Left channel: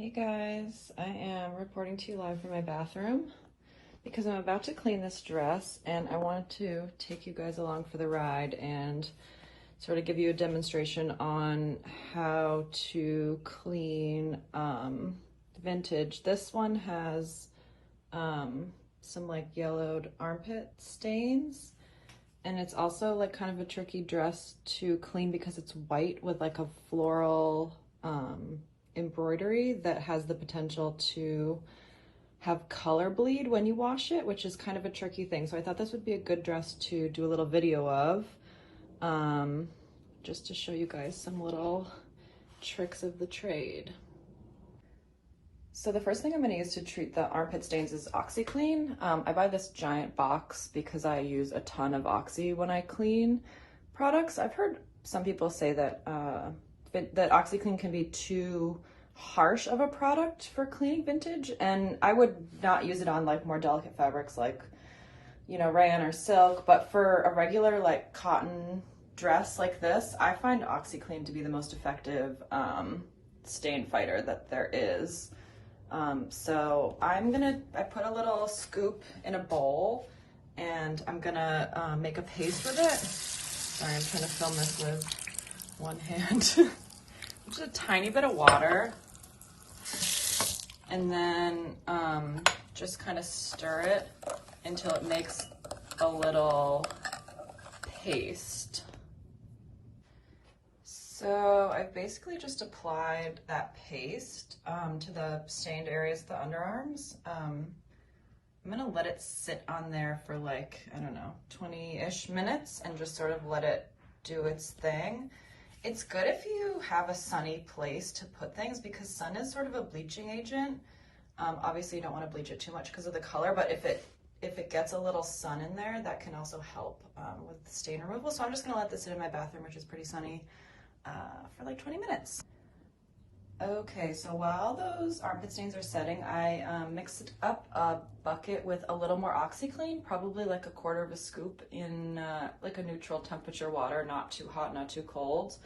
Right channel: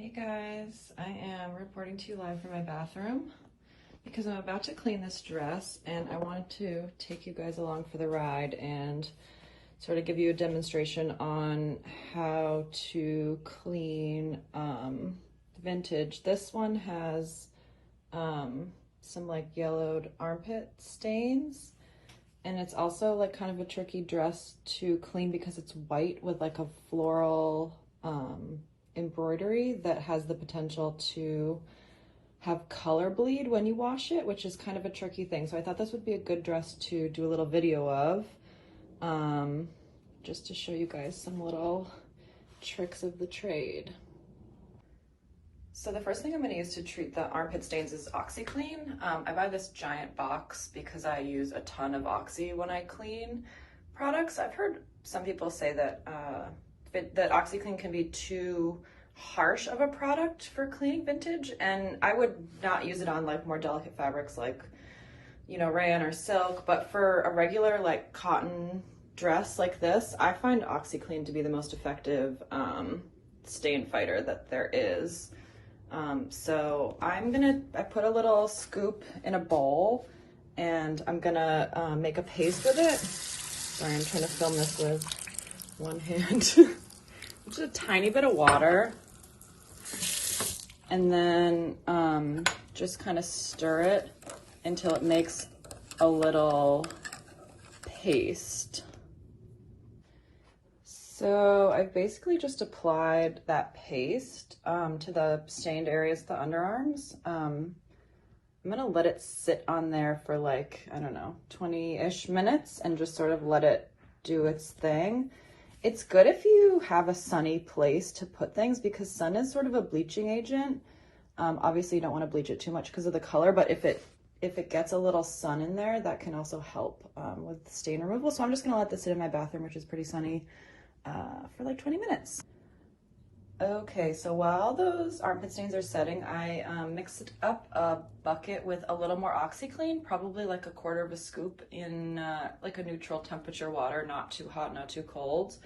Hey guys, I am reporting to you live from my bathroom because I'm about to clean this dress and I want to take you guys along for the ride and sort of give you a demonstration on how to clean vintage. This one has some like yellowed armpit stains, and it's also like kind of a tricky dress to clean because it's white with like a floral embroidery that has the potential to have color bleed when you wash it, which is kind of a tricky thing. So I thought this would be a good dress to do a little video of, just to show you guys some little tricks of the trade. So the first thing I'm going to use to treat the armpit stains is OxiClean. I buy this giant box because I use a ton of Oxy when I clean products. I've heard some people say that that OxiClean can be too harsh of a product for cleaning vintage, and I would not use it on like more delicate fabrics like, you know, rayon or silk, but for a regular like cotton dress like this, I find OxiClean to be the most effective stain fighter that there is. So I put a little scoop in a bowl and I'm gonna make a paste with it. Sorry, I'm trying to film this with one hand. Just a tiny bit of water, and then just kind of stir it until it makes a little paste. So I've basically just applied that paste to the stained areas of the underarms. I'm gonna let it sit on there for like, I don't know, 20-ish minutes and just sort of let it do its thing. It's good if you have a sunny place to put things because sun is sort of a bleaching agent. Obviously you don't want to bleach it too much because of the color, but if it gets a little sun in there, that can also help with stain removal. So I'm just gonna let this sit in my bathroom, which is pretty sunny, for like 20 minutes. Okay, so while those armpit stains are setting, I mixed up a bucket with a little more OxiClean, probably like a quarter of a scoop in like a neutral temperature water, not too hot, not too cold.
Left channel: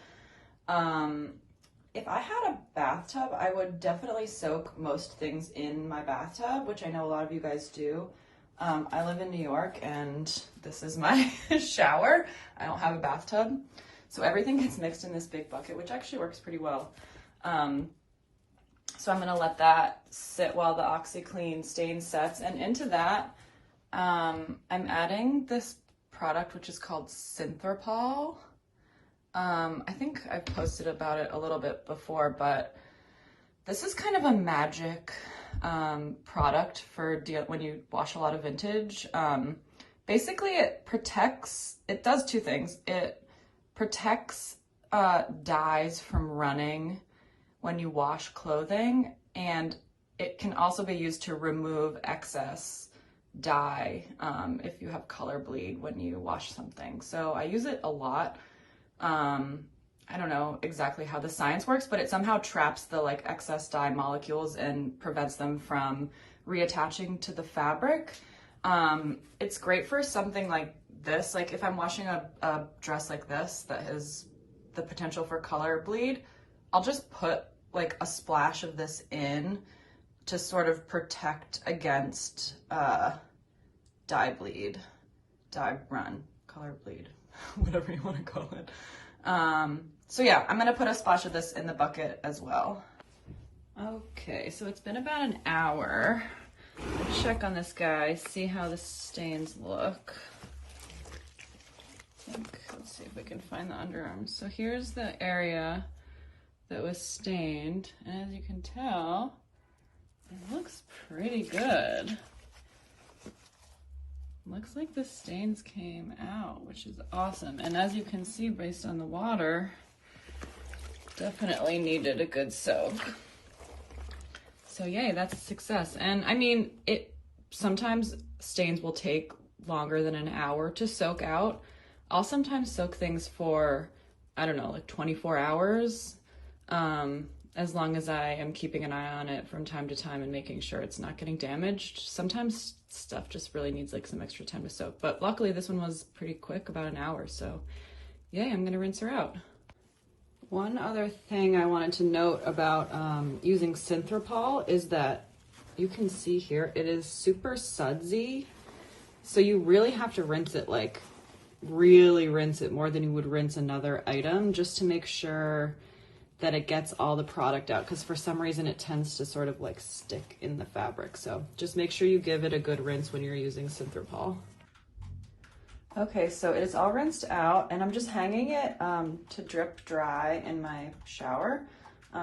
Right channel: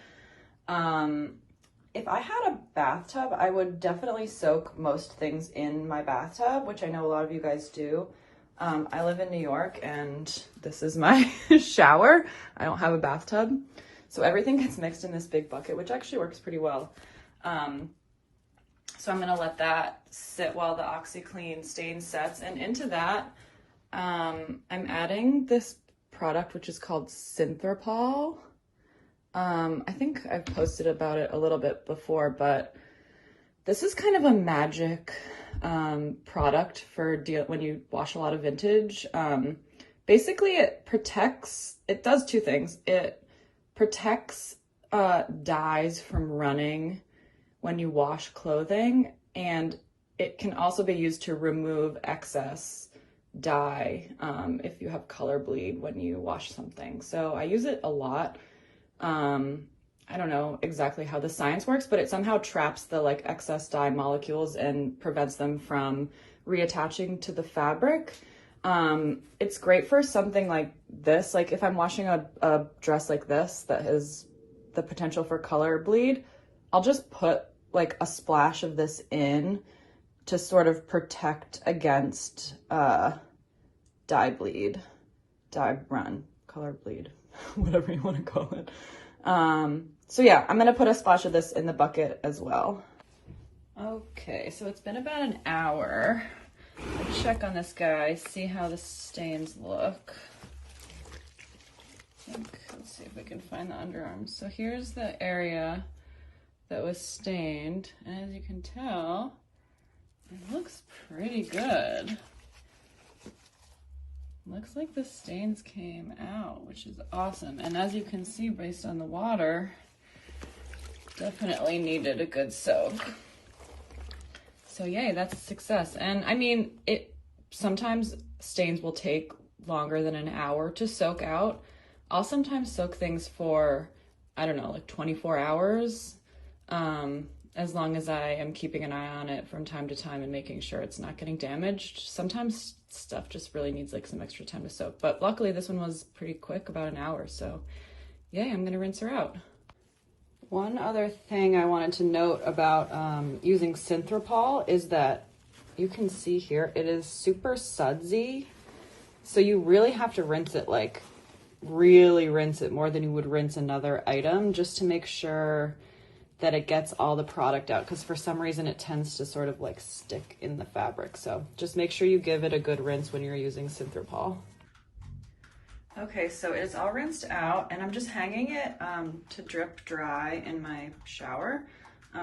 If I had a bathtub, I would definitely soak most things in my bathtub, which I know a lot of you guys do. I live in New York and this is my shower. I don't have a bathtub. So everything gets mixed in this big bucket, which actually works pretty well. So I'm gonna let that sit while the OxiClean stain sets, and into that, I'm adding this product which is called Synthropol. I think I've posted about it a little bit before, but this is kind of a magic product for when you wash a lot of vintage. Basically it does two things. It protects dyes from running when you wash clothing, and it can also be used to remove excess dye if you have color bleed when you wash something. So I use it a lot. I don't know exactly how the science works, but it somehow traps the like excess dye molecules and prevents them from reattaching to the fabric. It's great for something like this. Like if I'm washing a dress like this that has the potential for color bleed, I'll just put like a splash of this in to sort of protect against dye bleed, dye run, color bleed, whatever you want to call it. So yeah, I'm gonna put a splash of this in the bucket as well. Okay, so it's been about an hour. Let's check on this guy, see how the stains look. Let's see if we can find the underarms. So here's the area that was stained, and as you can tell, it looks pretty good. Looks like the stains came out, which is awesome. And as you can see, based on the water, definitely needed a good soak. So yay, that's a success. And I mean, sometimes stains will take longer than an hour to soak out. I'll sometimes soak things for, I don't know, like 24 hours, as long as I am keeping an eye on it from time to time and making sure it's not getting damaged. Sometimes stuff just really needs like some extra time to soak, but luckily this one was pretty quick, about an hour. So yay, I'm gonna rinse her out. One other thing I wanted to note about using Synthropol is that you can see here, it is super sudsy. So you really have to rinse it, like really rinse it more than you would rinse another item, just to make sure that it gets all the product out, because for some reason it tends to sort of like stick in the fabric. So just make sure you give it a good rinse when you're using Synthropol. Okay, so it is all rinsed out, and I'm just hanging it to drip dry in my shower.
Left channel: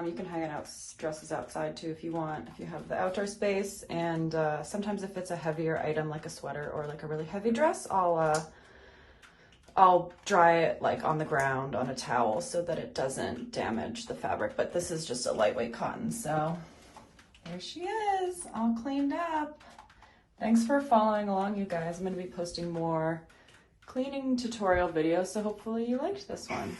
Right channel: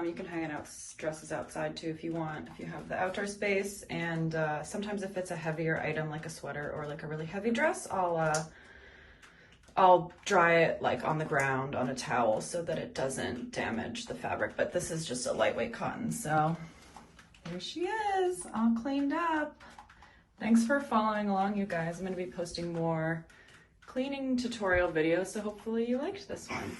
You can hang it out, dresses outside too if you want, if you have the outdoor space. And sometimes if it's a heavier item like a sweater or like a really heavy dress, I'll dry it like on the ground on a towel so that it doesn't damage the fabric. But this is just a lightweight cotton, so here she is, all cleaned up. Thanks for following along, you guys. I'm going to be posting more cleaning tutorial videos, so hopefully you liked this one.